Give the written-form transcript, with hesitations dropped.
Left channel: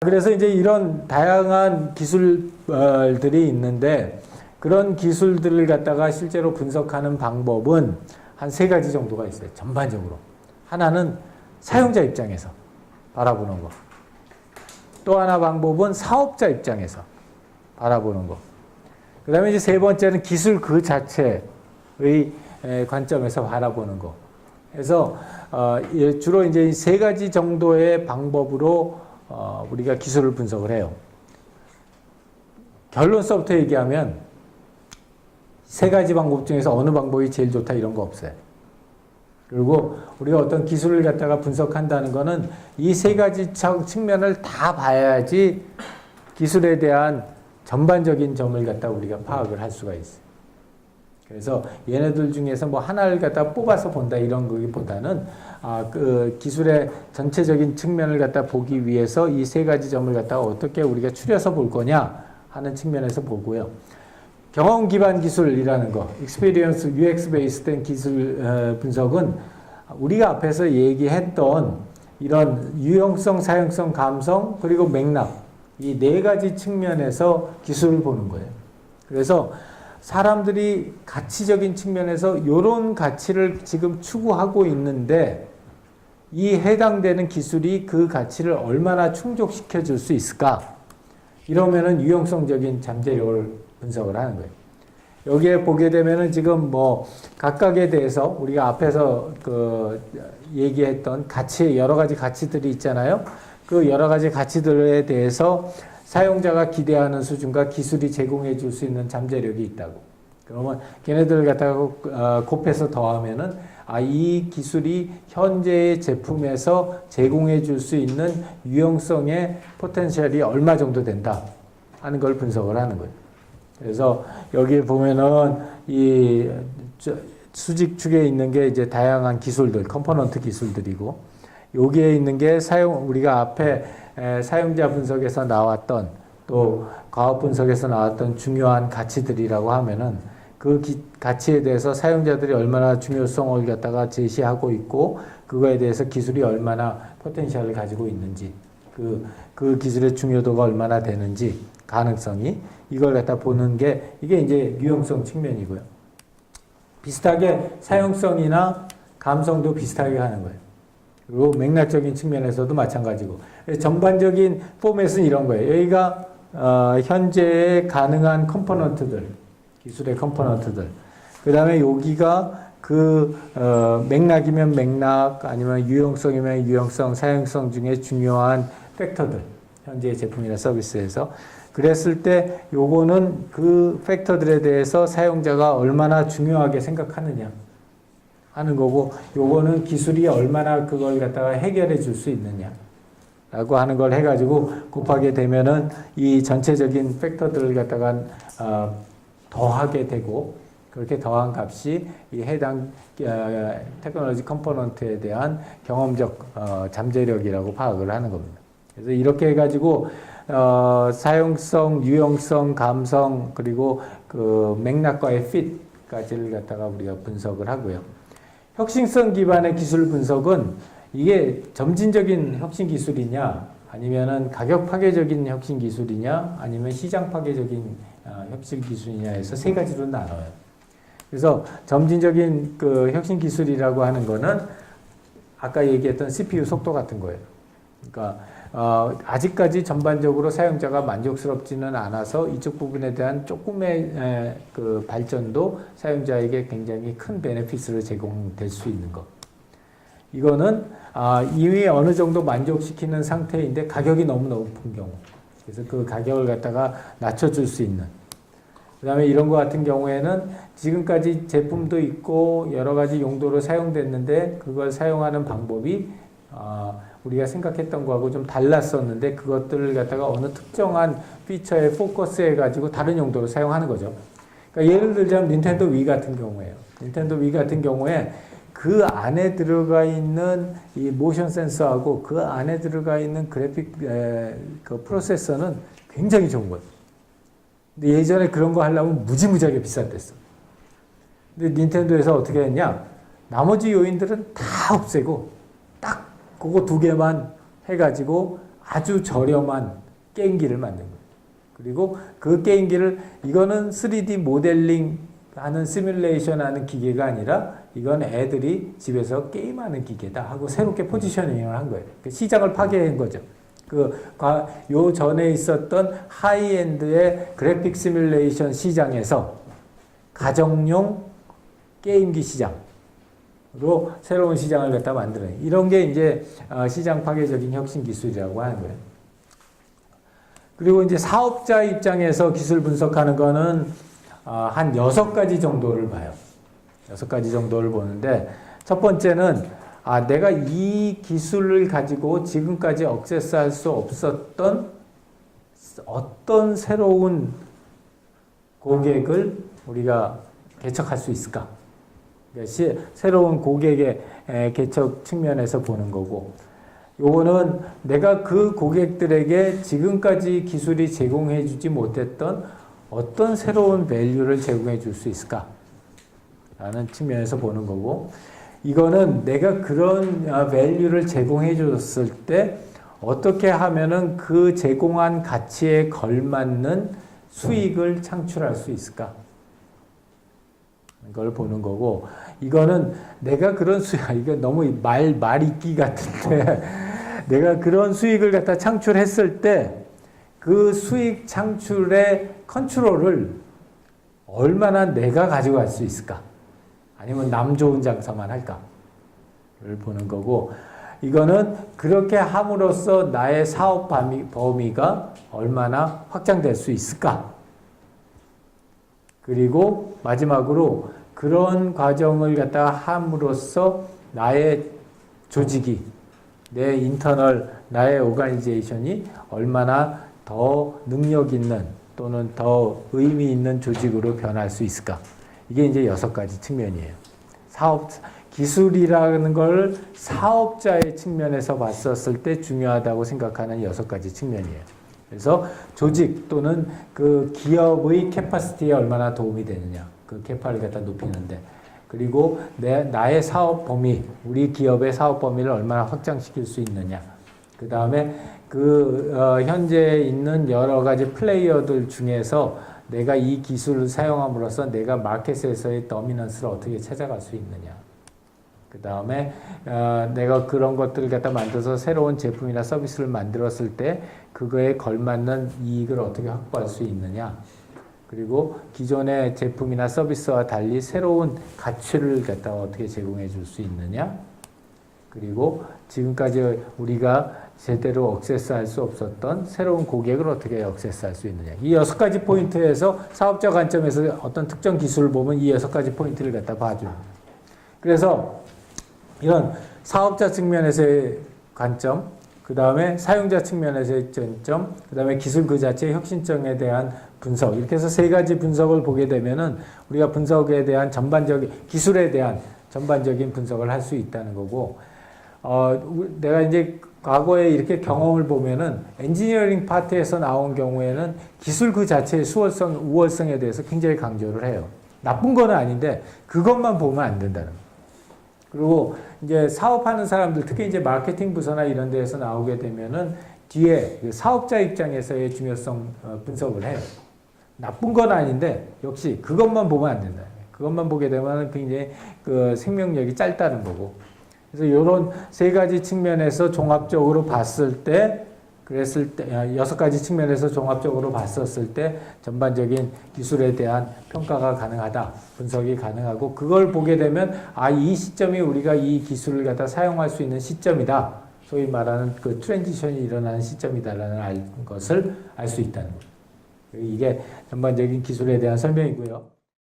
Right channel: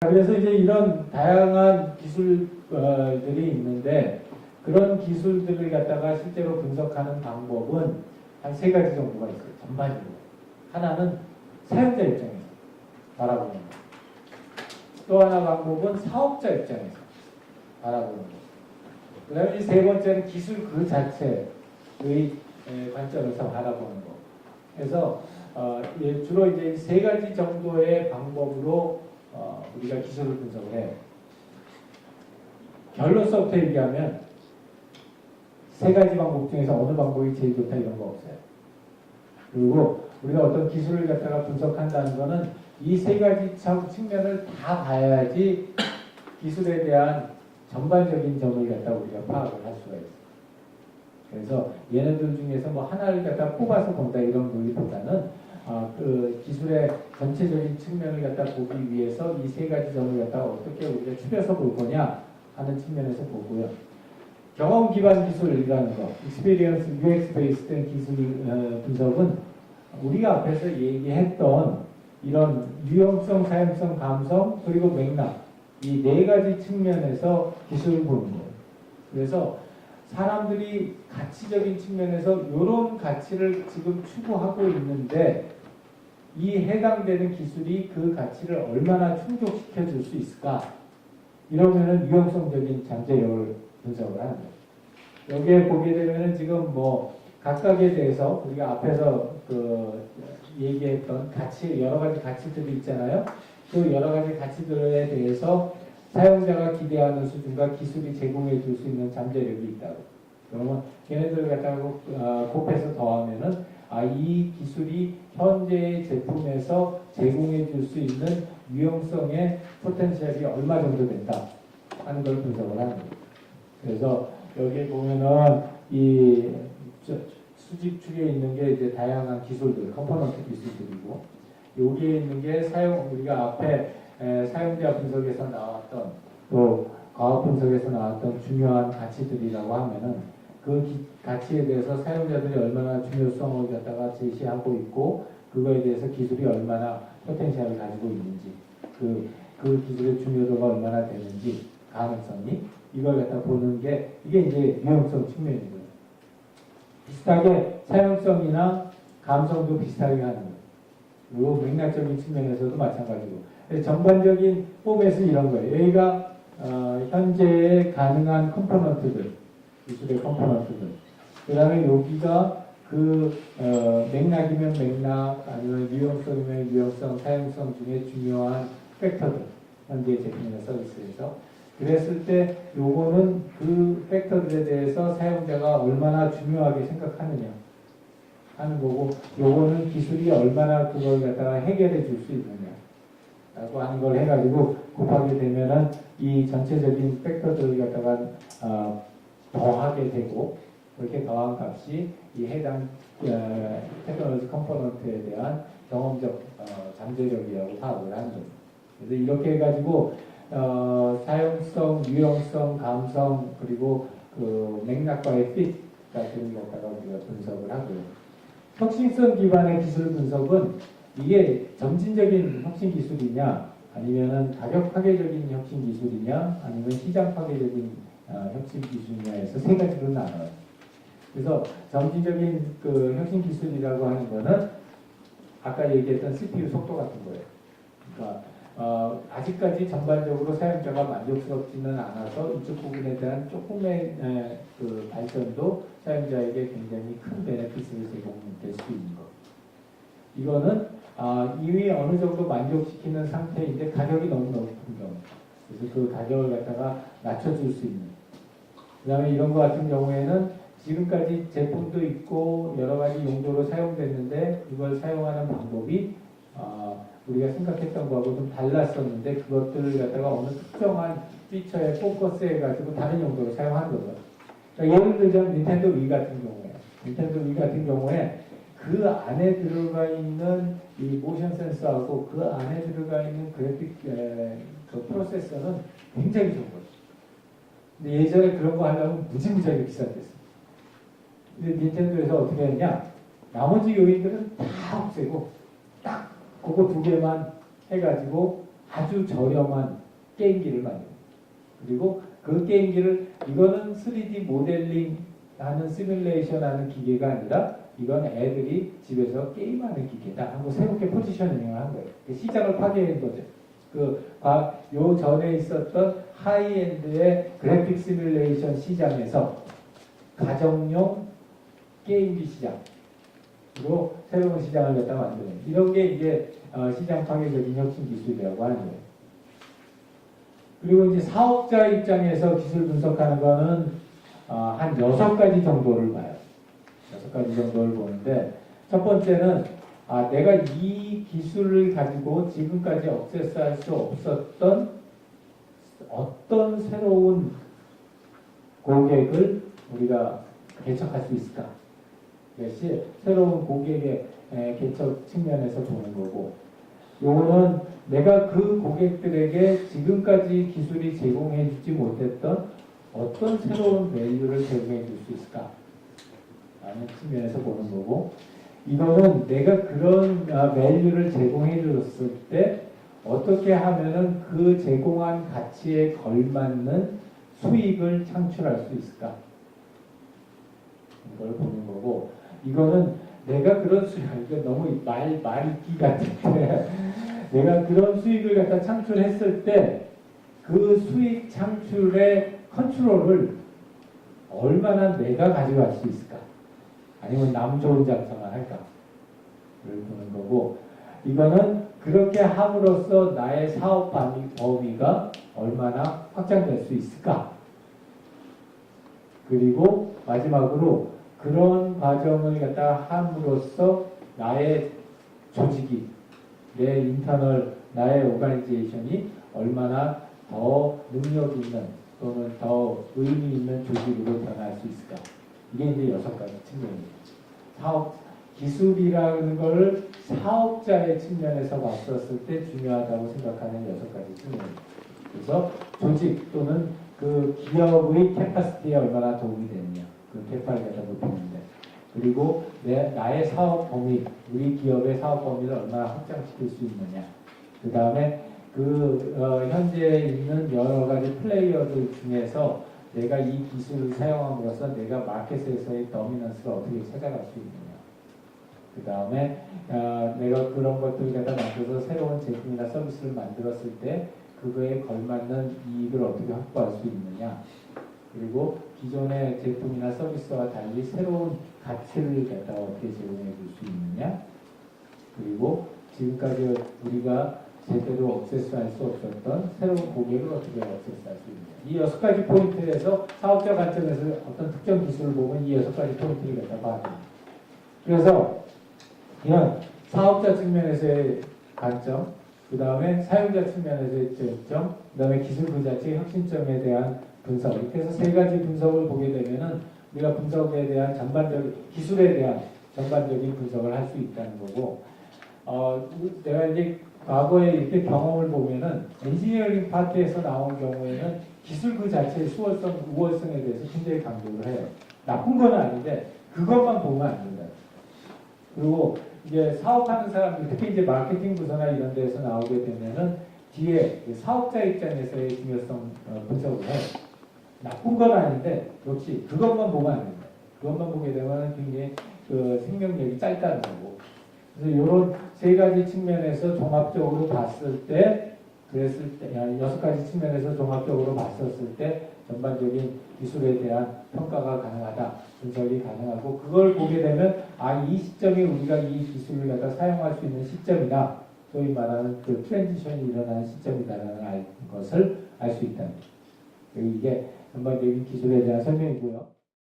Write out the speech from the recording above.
그래서 이제 이런 다양한 기술들이 있는데 그런 기술들을 갖다가 실제로 분석하는 방법은 한 세 가지 정도가 있어요. 전반적으로. 하나는 사용자 입장에서 바라보는 거. 또 하나 방법은 사업자 입장에서 바라보는 거. 그 다음에 이제 세 번째는 기술 그 자체의 관점에서 바라보는 거. 그래서 주로 이제 세 가지 정도의 방법으로 우리가 기술을 분석을 해요. 결론서부터 얘기하면 세 가지 방법 중에서 어느 방법이 제일 좋다 이런 거 없어요. 그리고 우리가 어떤 기술을 갖다가 분석한다는 거는 이 세 가지 측면을 다 봐야지 기술에 대한 전반적인 점을 갖다가 우리가 파악을 할 수가 있어요. 그래서 얘네들 중에서 뭐 하나를 갖다 뽑아서 본다 이런 거기보다는 그 기술의 전체적인 측면을 갖다 보기 위해서 이 세 가지 점을 갖다가 어떻게 우리가 추려서 볼 거냐 하는 측면에서 보고요. 경험 기반 기술이라는 거, experience, UX 베이스된 기술 분석은 우리가 앞에서 얘기했던 이런 유형성, 사용성, 감성, 그리고 맥락 이 네 가지 측면에서 기술을 보는 거예요. 그래서 사람들이 가치적인 측면에서 이런 가치를 지금 추구하고 있는데 이 해당되는 기술이 그 가치를 얼마나 충족시켜 줄 수 있을까? 이러면은 유형성적인 잠재력을 분석을 하는 거예요. 여기에 보게 되면은 지금 뭐 각각에 대해서 우리가 앞에서 그 얘기했던 가치, 여러 가지 가치들이 있잖아요. 그 여러 가지 가치들에 대해서 사용자가 기대하는 수준과 기술이 제공해 줄 수 있는 잠재력이 있다고. 그러면 걔네들을 갖다가 곱해서 더하면은 이 기술이 현재의 제품에서 제공해 줄 수 있는 유형성의 포텐셜이 얼마 정도 된다 하는 걸 분석을 하는 거예요. 그래서 여기에 보면은 이 수직 축에 있는 게 이제 다양한 기술들, 컴포넌트 기술들이고 여기에 있는 게 우리가 앞에 사용자 분석에서 나왔던 또 과학 분석에서 나왔던 중요한 가치들이라고 하면은 그 가치에 대해서 사용자들이 얼마나 중요성을 갖다가 제시하고 있고 그거에 대해서 기술이 얼마나 포텐셜을 가지고 있는지 그 기술의 중요도가 얼마나 되는지 가능성이 이걸 갖다 보는 게 이게 이제 유형성 측면이고요. 비슷하게 사용성이나 감성도 비슷하게 하는 거예요. 그리고 맥락적인 측면에서도 마찬가지고 전반적인 포맷은 이런 거예요. 여기가 현재의 가능한 컴포넌트들, 기술의 컴포넌트들. 그 다음에 여기가 맥락이면 맥락, 아니면 유형성이면 유형성, 사용성 중에 중요한 팩터들. 현재의 제품이나 서비스에서. 그랬을 때 요거는 그 팩터들에 대해서 사용자가 얼마나 중요하게 생각하느냐 하는 거고 요거는 기술이 얼마나 그걸 갖다가 해결해 줄 수 있느냐 라고 하는 걸 해가지고 곱하게 되면은 이 전체적인 팩터들을 갖다가 더하게 되고 그렇게 더한 값이 이 해당 테크놀로지 컴포넌트에 대한 경험적 잠재력이라고 파악을 하는 겁니다. 그래서 이렇게 해가지고 사용성, 유형성, 감성 그리고 그 맥락과의 핏까지를 갖다가 우리가 분석을 하고요. 혁신성 기반의 기술 분석은 이게 점진적인 혁신 기술이냐 아니면은 가격 파괴적인 혁신 기술이냐 아니면 시장 파괴적인 혁신 기술이냐에서 세 가지로 나눠요. 그래서 점진적인 그 혁신 기술이라고 하는 거는 아까 얘기했던 CPU 속도 같은 거예요. 그러니까 아직까지 전반적으로 사용자가 만족스럽지는 않아서 이쪽 부분에 대한 조금의 그 발전도 사용자에게 굉장히 큰 베네핏으로 제공될 수 있는 것. 이거는 이미 어느 정도 만족시키는 상태인데 가격이 너무 높은 경우. 그래서 그 가격을 갖다가 낮춰줄 수 있는. 그 다음에 이런 것 같은 경우에는 지금까지 제품도 있고 여러 가지 용도로 사용됐는데 그걸 사용하는 방법이 우리가 생각했던 거하고 좀 달랐었는데 그것들을 갖다가 어느 특정한 피처에 포커스해가지고 다른 용도로 사용하는 거죠. 그러니까 예를 들자면 닌텐도 위 같은 경우에요. 닌텐도 위 같은 경우에 그 안에 들어가 있는 이 모션 센서하고 그 안에 들어가 있는 그래픽 그 프로세서는 굉장히 좋은 거예요. 근데 예전에 그런 거 하려면 무지무지하게 비쌌댔어. 근데 닌텐도에서 어떻게 했냐? 나머지 요인들은 다 없애고 딱 그거 두 개만 해가지고 아주 저렴한 게임기를 만든 거예요. 그리고 그 게임기를 이거는 3D 모델링 하는 시뮬레이션 하는 기계가 아니라 이건 애들이 집에서 게임하는 기계다 하고 새롭게 포지셔닝을 한 거예요. 시장을 파괴한 거죠. 요 전에 있었던 하이엔드의 그래픽 시뮬레이션 시장에서 가정용 게임기 시장으로 새로운 시장을 갖다 만들어요. 이런 게 이제 시장 파괴적인 혁신 기술이라고 하는 거예요. 그리고 이제 사업자 입장에서 기술 분석하는 거는 한 6가지 정도를 봐요. 6가지 정도를 보는데 첫 번째는 내가 이 기술을 가지고 지금까지 억세스할 수 없었던 어떤 새로운 고객을 우리가 개척할 수 있을까? 새로운 고객의 개척 측면에서 보는 거고, 요거는 내가 그 고객들에게 지금까지 기술이 제공해 주지 못했던 어떤 새로운 밸류를 제공해 줄 수 있을까? 라는 측면에서 보는 거고, 이거는 내가 그런 밸류를 제공해 줬을 때 어떻게 하면은 그 제공한 가치에 걸맞는 수익을 창출할 수 있을까? 이걸 보는 거고, 이거는 내가 그런 이거 너무 말 읽기 같은데, 내가 그런 수익을 갖다 창출했을 때 그 수익 창출의 컨트롤을 얼마나 내가 가지고 갈 수 있을까? 아니면 남 좋은 장사만 할까? 를 보는 거고, 이거는 그렇게 함으로써 나의 사업 범위가 얼마나 확장될 수 있을까? 그리고 마지막으로 그런 과정을 갖다가 함으로써 나의 조직이, 내 인터널, 나의 오가니제이션이 얼마나 더 능력 있는 또는 더 의미 있는 조직으로 변할 수 있을까? 이게 이제 6가지 측면이에요. 기술이라는 걸 사업자의 측면에서 봤었을 때 중요하다고 생각하는 6가지 측면이에요. 그래서 조직 또는 그 기업의 캐파시티에 얼마나 도움이 되느냐, 그 캐파를 갖다 높이는데, 그리고 나의 사업 범위, 우리 기업의 사업 범위를 얼마나 확장시킬 수 있느냐, 그 다음에 현재 있는 여러 가지 플레이어들 중에서 내가 이 기술을 사용함으로써 내가 마켓에서의 더미넌스를 어떻게 찾아갈 수 있느냐, 그 다음에 내가 그런 것들을 갖다 만들어서 새로운 제품이나 서비스를 만들었을 때 그거에 걸맞는 이익을 어떻게 확보할 수 있느냐, 그리고 기존의 제품이나 서비스와 달리 새로운 가치를 갖다 어떻게 제공해 줄 수 있느냐, 그리고 지금까지 우리가 제대로 억세스할 수 없었던 새로운 고객을 어떻게 억세스할 수 있느냐. 이 6가지 포인트에서 사업자 관점에서 어떤 특정 기술을 보면 이 6가지 포인트를 갖다 봐줘요. 그래서 이런 사업자 측면에서의 관점, 그 다음에 사용자 측면에서의 관점, 그 다음에 기술 그 자체의 혁신성에 대한 분석, 이렇게 해서 3가지 분석을 보게 되면은 우리가 분석에 대한 기술에 대한 전반적인 분석을 할 수 있다는 거고, 내가 이제 과거에 이렇게 경험을 보면은 엔지니어링 파트에서 나온 경우에는 기술 그 자체의 우월성에 대해서 굉장히 강조를 해요. 나쁜 건 아닌데 그것만 보면 안 된다는 거예요. 그리고 이제 사업하는 사람들, 특히 이제 마케팅 부서나 이런 데에서 나오게 되면은 뒤에 사업자 입장에서의 중요성 분석을 해요. 나쁜 건 아닌데 역시 그것만 보면 안 된다. 그것만 보게 되면 굉장히 그 생명력이 짧다는 거고. 그래서 이런 3가지 측면에서 종합적으로 봤을 때, 6가지 측면에서 종합적으로 봤었을 때 전반적인 기술에 대한 평가가 가능하다, 분석이 가능하고, 그걸 보게 되면 이 시점이 우리가 이 기술을 갖다 사용할 수 있는 시점이다. 소위 말하는 그 트랜지션이 일어나는 시점이다라는 것을 알 수 있다는 거예요. 이게 전반적인 기술에 대한 설명이고요.